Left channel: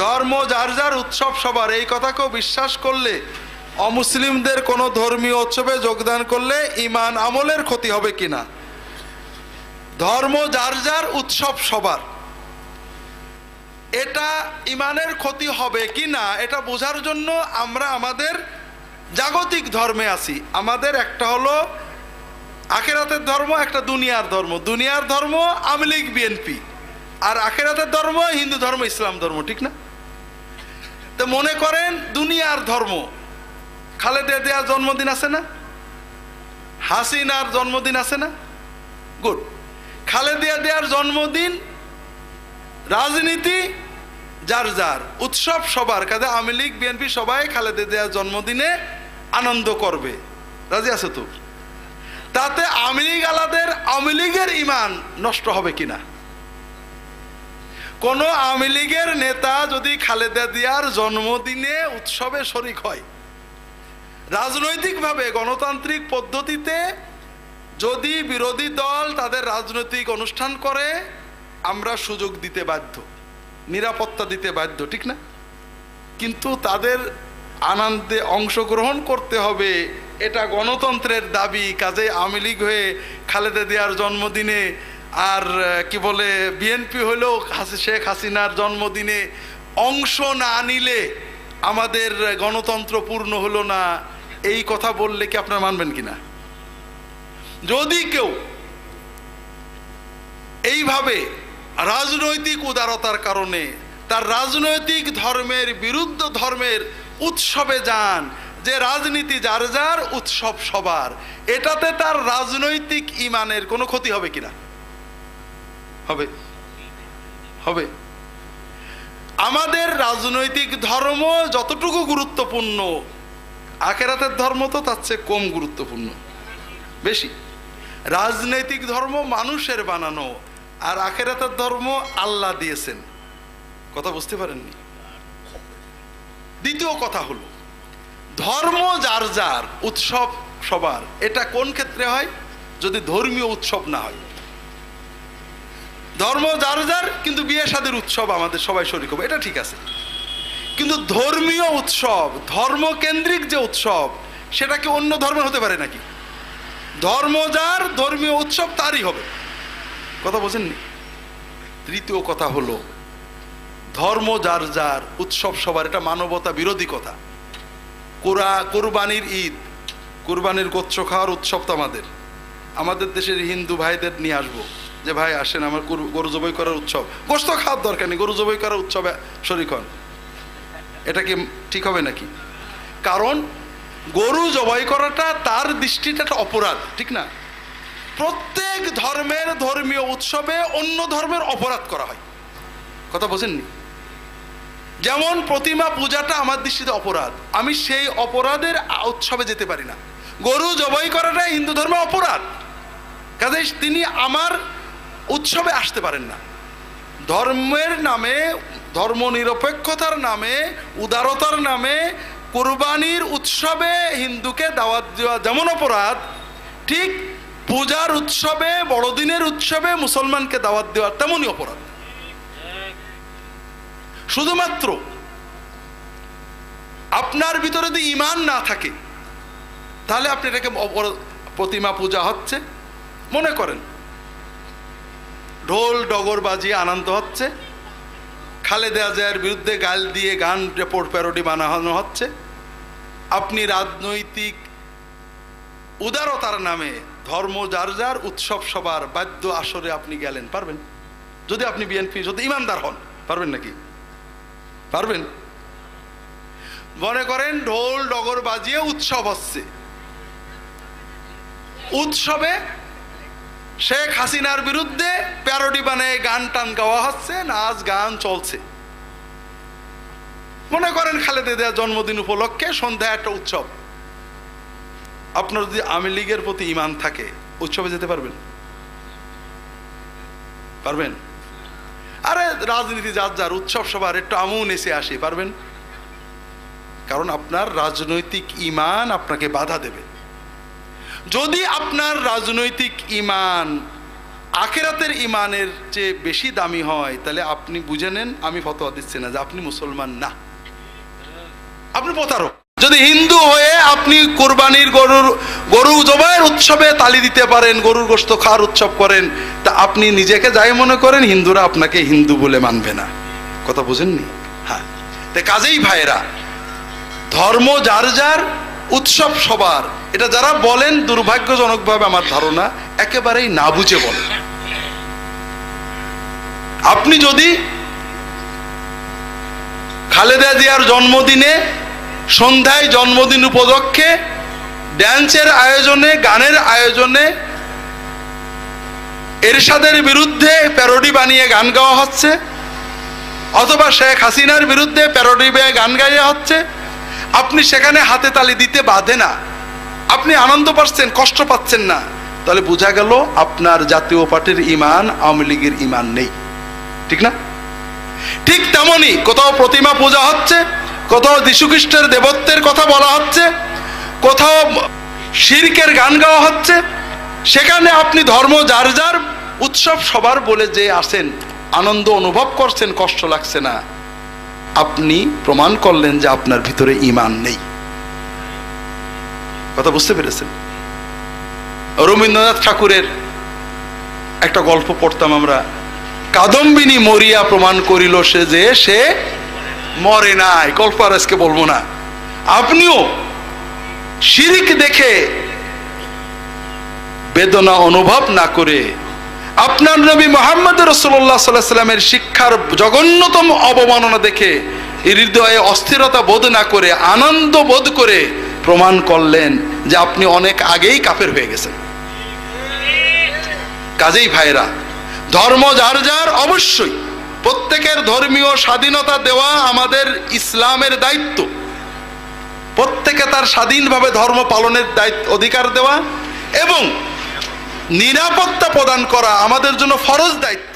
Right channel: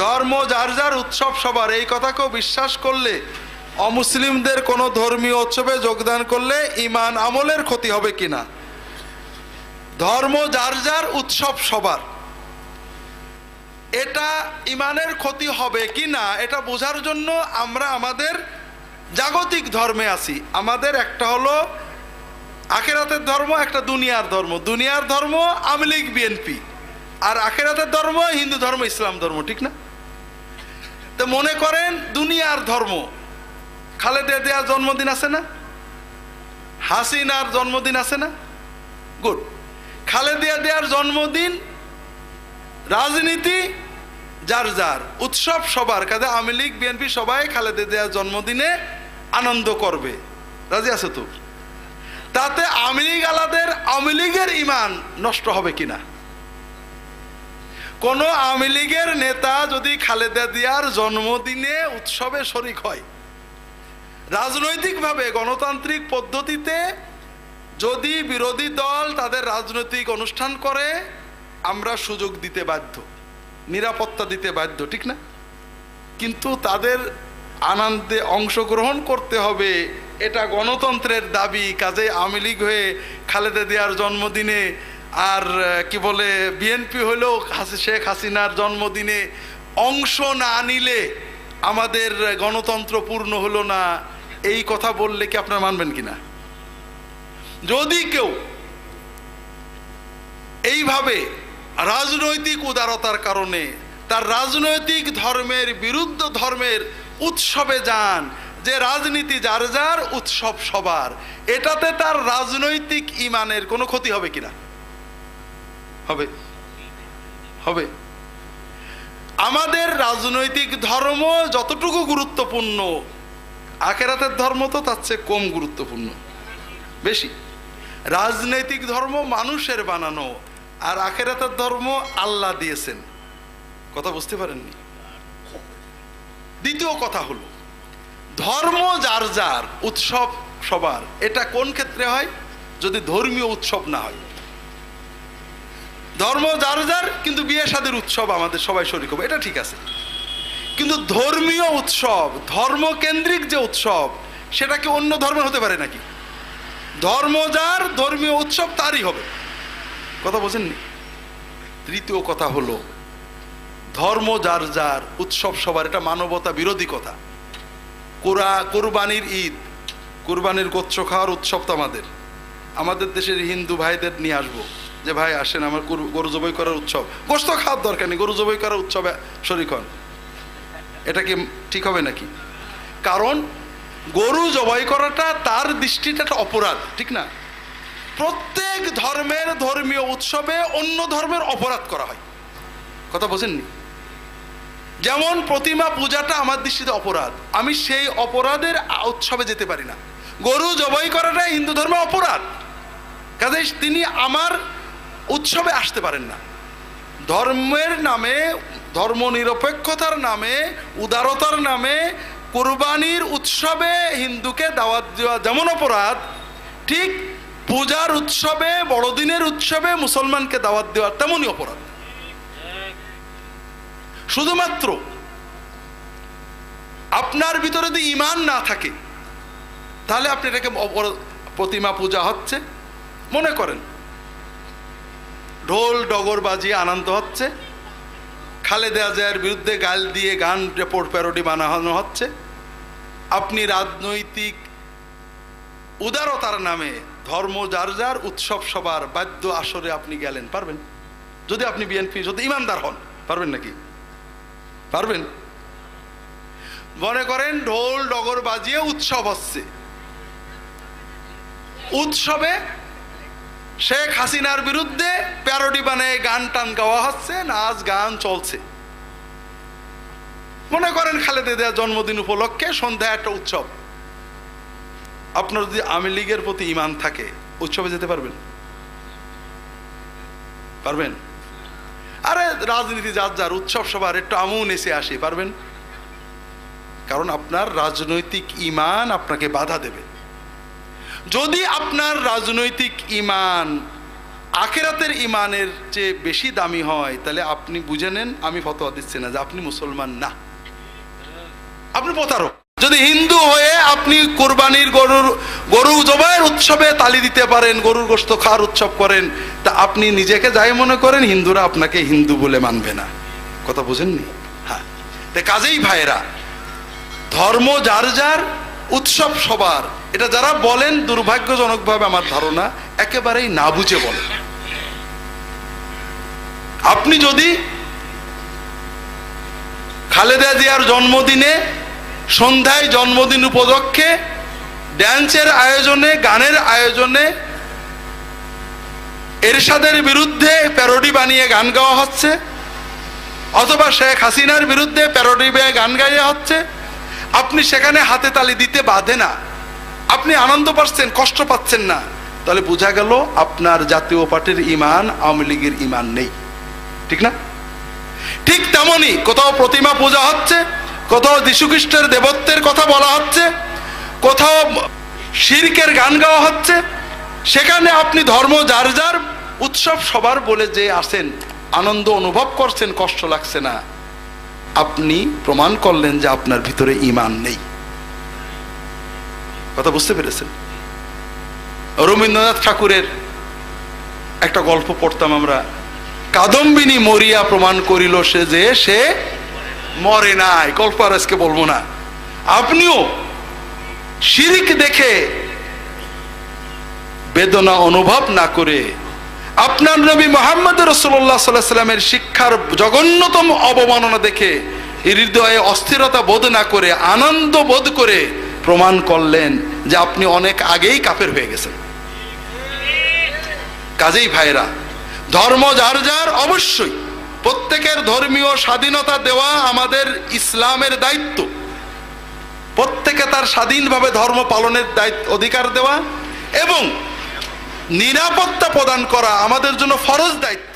ধর্ম যার যার, উৎসব সবার, এই কথাকেও বিশ্বাস করলে অমুসলিমদের কোনো ধর্মীয় উৎসবে যোগদান করলে ঈমান আমলের ক্ষতি হবে কিনা? ধর্ম যার যার, উৎসব সবার, এটা ঈমানের ক্ষতি হবে কিনা এটা বোঝার জন্য আমরা আমাদের জাগতিক ধর্মে আছি। আমাদের একটা হলো আখিরাতের ধর্ম, একটা দুনিয়ার ধর্ম। দুনিয়ার ধর্ম আওয়ামী লীগ বিএনপি, আর আখিরাতের ধর্ম হিন্দু ধর্ম ইসলাম ধর্ম, ঠিক না? তো মনে করেন দুনিয়ার ধর্ম, খালেদা জিয়ার জন্মদিন আছে না, হাসিনার জন্মদিন আছে না, গুড। খালেদা জিয়ার জন্মদিন, রাজনীতি যার যার, উৎসব সবার। কাজে আওয়ামী লীগ বিএনপি সবাই খালেদা জিয়ার জন্মদিনে আনন্দ করবে, রাজি আছে তো? তাতে আওয়ামী লীগ আলাদের আওয়ামী লীগের ঈমান নষ্ট হবে কিনা? কোন আওয়ামী লীগের নেতা যদি খালেদা জিয়ার জন্মদিনে উৎসবে শরিক হয়, রাজনৈতিকভাবে গণতান্ত্রিক পদ্ধতিতে যদি বিরোধী দল তাদের রাজনৈতিক অনুষ্ঠান করে, আমরা সুযোগ দিতে বাধ্য, নিরাপত্তা দিতে বাধ্য, ঠিক না? কিন্তু তাদের আনন্দে অংশগ্রহণ করতে হবে, এটা গণতন্ত্রের দাবি। কাজে আওয়ামী লীগ হয়ে খালেদা জিয়ার জন্মদিনে, আর কি বলে বিএনপি হলেও শেখ হাসিনার জন্মদিনে অংশ না নিলে আমাদের গণতন্ত্র পূর্ণ হলো না, এই কথা বললে কি আপনারা মানবেন কিনা? যদি কেউ এইভাবে রাজনৈতিক উদারতার কারণে তার রাজনৈতিক ধর্মের বিরুদ্ধ ধর্মের উৎসবে যান, যে রাজনীতি যার যার, উৎসব সবার, এটাতে তার রাজনৈতিক ঈমানের কোনো ক্ষতি হবে কিনা? হবে, হবে। আমাদের রাজনৈতিক ধর্ম যতটুকু গুরুত্বপূর্ণ, আখিরাতের ধর্ম তো তার চেয়ে কম গুরুত্বপূর্ণ, বেশি। রাজনৈতিক ধর্ম মানুষের বানানো, আর আখিরাতের ধর্ম আল্লাহ দিয়েছেন। কথা বুঝতে পারেননি? দ্বিতীয় কথা হলো, ধর্ম যার যার, উৎসব সবার, এটা কোন ক্ষেত্রে হয়? যদি ধর্মীয় উৎসব না হয়। ধর্ম যার যার, কিন্তু বিয়ে শাদীর উৎসব আমাদের সবাই শরীক হবে, এটা ঠিক আছে। কিন্তু ধর্মীয় উৎসব, ধর্মকেন্দ্রিক যে উৎসব, সেটা কি অন্য ধর্মের হতে পারে নাকি? ধর্ম যার, ধর্মীয় উৎসব তারই হবে। কথা বোঝেননি? তৃতীয় কথা হলো, ধর্ম যার যার, উৎসব সবার, এটা মানবতা বিরোধী কথা। কুরবানির ঈদ, কুরবানির গোচ্ছ খাওয়ার উৎসব তো আমাদের দেশের হিন্দু ভাইদের নিয়ে আসবো, যে ভাই আসেন আমার গরু জবাই করার উৎসব, গোস্ত খাওয়ার দরকার নেই, গরু জবাই করার উৎসবে শরীক হন। এটা কি ঠিক হবে নাকি? কারণ গরু জবাই করাটা তার দৃষ্টিতে একটা অপরাধ, ঠিক না? প্রত্যেক ধর্মের ধর্মীয় উৎসবে অন্য ধর্মের অপরাধ করা হয়। কথা বোঝেননি? যেমন প্রতিমা পূজাটা আমার দৃষ্টিতে অপরাধ, আমি সেই অপরাধের উৎসবে যেতে পারি না। গরু জবাই করাটা হিন্দু ধর্মে অপরাধ, কাজে তিনি আমার উৎসবে আসতে পারেন না। ধর্মের নামে, ধর্ম নিরপেক্ষতার নামে, উদারতার নামে কুরবানির উৎসবে হিন্দুকে দাওয়াত দেওয়া যেমন অপরাধ, ঠিক পূজার উৎসবে, বড়দিনের উৎসবে মুসলমানকে দাওয়াত দেওয়া তেমনই অপরাধ। শুধুমাত্র আপনার ভিতরে যদি ঈমান না থাকে, তাহলে আপনি এটাকে প্রতিমা পূজা হচ্ছে মনে করেন, ঢোল ডগর বাজিয়ে আনন্দ হচ্ছে, খালেদা জিয়ার বিরুদ্ধে গাল দিয়ে গান রেপোর্ট প্যারোডি বানানো হচ্ছে, আপনি রাজনৈতিক উদারতার নামে ধর্ম যার যার, উৎসব সবার বাদ্য আসরে আপনি গেলেন, পারবেন? যদি আপনি বিএনপি, যদি ইমানদার হন, পারবেন নাকি? পারবেন? মনে করেন ঢোল ডগর বাজিয়ে উৎসব হচ্ছে, উৎসবে শেখ হাসিনার বিরুদ্ধে প্যারোডি বানায় গান টান গাওয়া হচ্ছে, নাচ গান চলছে। মনে করেন খালেদা জিয়ার জন্মদিন উপলক্ষে সন্ধ্যায় একটা উৎসব, আপনার যদি আওয়ামী লীগের প্রতি ঈমান থাকে, উৎসবে যেতে পারবেন? পারবেন? আরে রাজনীতি যার যার, উৎসব সবার, একটু আমুন এসে আসি, পারবেন? কারণ আপনার রাজনৈতিক ঈমান আপনাকে বাধা দেবে। যদি আপনার রাজনৈতিক ঈমান আখিরাতের ইমানের চেয়ে বেশি দামি হয়, তাহলে আপনি বুঝে নেন আমি ফতোয়া দিচ্ছি না যে আপনি মুসলমান না, আপনি প্রতারক। যদি হিন্দু হয়ে আপনি কোরবানির গরু জবাইয়ের উৎসবে তালি দিতে পারেন, গরুর গোশত খাওয়ার উৎসব করেন, তা আপনি নিজেকে যাই মনে করেন, হিন্দুরা আপনাকে হিন্দু বলে মানবে না। কথা বুঝেননি? হ্যাঁ, তাই কাজেই ভাইরা, ধর্ম যার যার, উৎসব সবার, এটা যারা বলেন দুর্ভাগ্যজনকভাবে আমার ধারণা একেবারেই না বুঝে বলেন। আপনি যদি খালেদা জিয়ার জন্মদিনে সন্ধ্যায় জন্মদিন উপলক্ষে ড্যান্সের আয়োজনে, গানের আয়োজনে এরশাদের বিরুদ্ধে প্যারোডি বানিয়ে গান গাওয়া হচ্ছে, অথবা শেখ হাসিনার বিরুদ্ধে প্যারোডি বানিয়ে গান গাইয়া হচ্ছে, আপনি সেখানে হাতে তালি দিতে বাধে না, আপনি আনন্দ পাচ্ছেন, কষ্ট পাচ্ছেন না, তাহলে বোঝা গেল আপনার জাতীয় পার্টির ইমান আওয়ামী লীগের ইমান নেই। ঠিক না? ঠিক তেমনি কোথাও প্রতিমা পূজা হচ্ছে, কোথাও যীশু খ্রিস্টের দেবত্বের কথা বলা হচ্ছে, কোথাও শিরকের গান গাওয়া হচ্ছে, সেখানে আপনি ধর্ম যার যার, উৎসব সবার বলে যে আসেন, আনন্দ অনুভব করছেন, কষ্ট লাগছে না, আপনি প্রমাণ করলেন যে আপনার ভিতরে ঈমান নেই। কথা বুঝতে পেরেছেন? রবীন্দ্রনাথ ঠাকুরের একটা গল্প পড়তাম আমরা, কাদম্বিনী মরিয়া প্রমাণ করিল সে যে সে মরে নাই। গল্প আর আজকে বলবো না। আপনিও শিরক দেখে বেদনা অনুভব না করে, আপনার নবী মুহাম্মদ রাসূলুল্লাহ সাল্লাল্লাহু আলাইহি ওয়াসাল্লামের শিক্ষার জঘন্যতম অবমাননা দেখে হৃদয়ে অস্থিরতা বোধ না করে, আনন্দ বোধ করে প্রমাণ করলেন যে আপনি অনেক আগেই কাফের হয়ে গেছেন। কাজেই ভাইরা, ধর্ম যার যার, অবশ্যই প্রত্যেকের ধর্মীয় স্বাধীনতা দেওয়া আমাদের ইসলামের দায়িত্ব, প্রত্যেকে তার স্বাধীনভাবে ধর্ম পালনের দায়িত্ব, অধিকার দেওয়া এবং নিরাপত্তা প্রদান করা আমাদের জন্য ফরজ দায়িত্ব।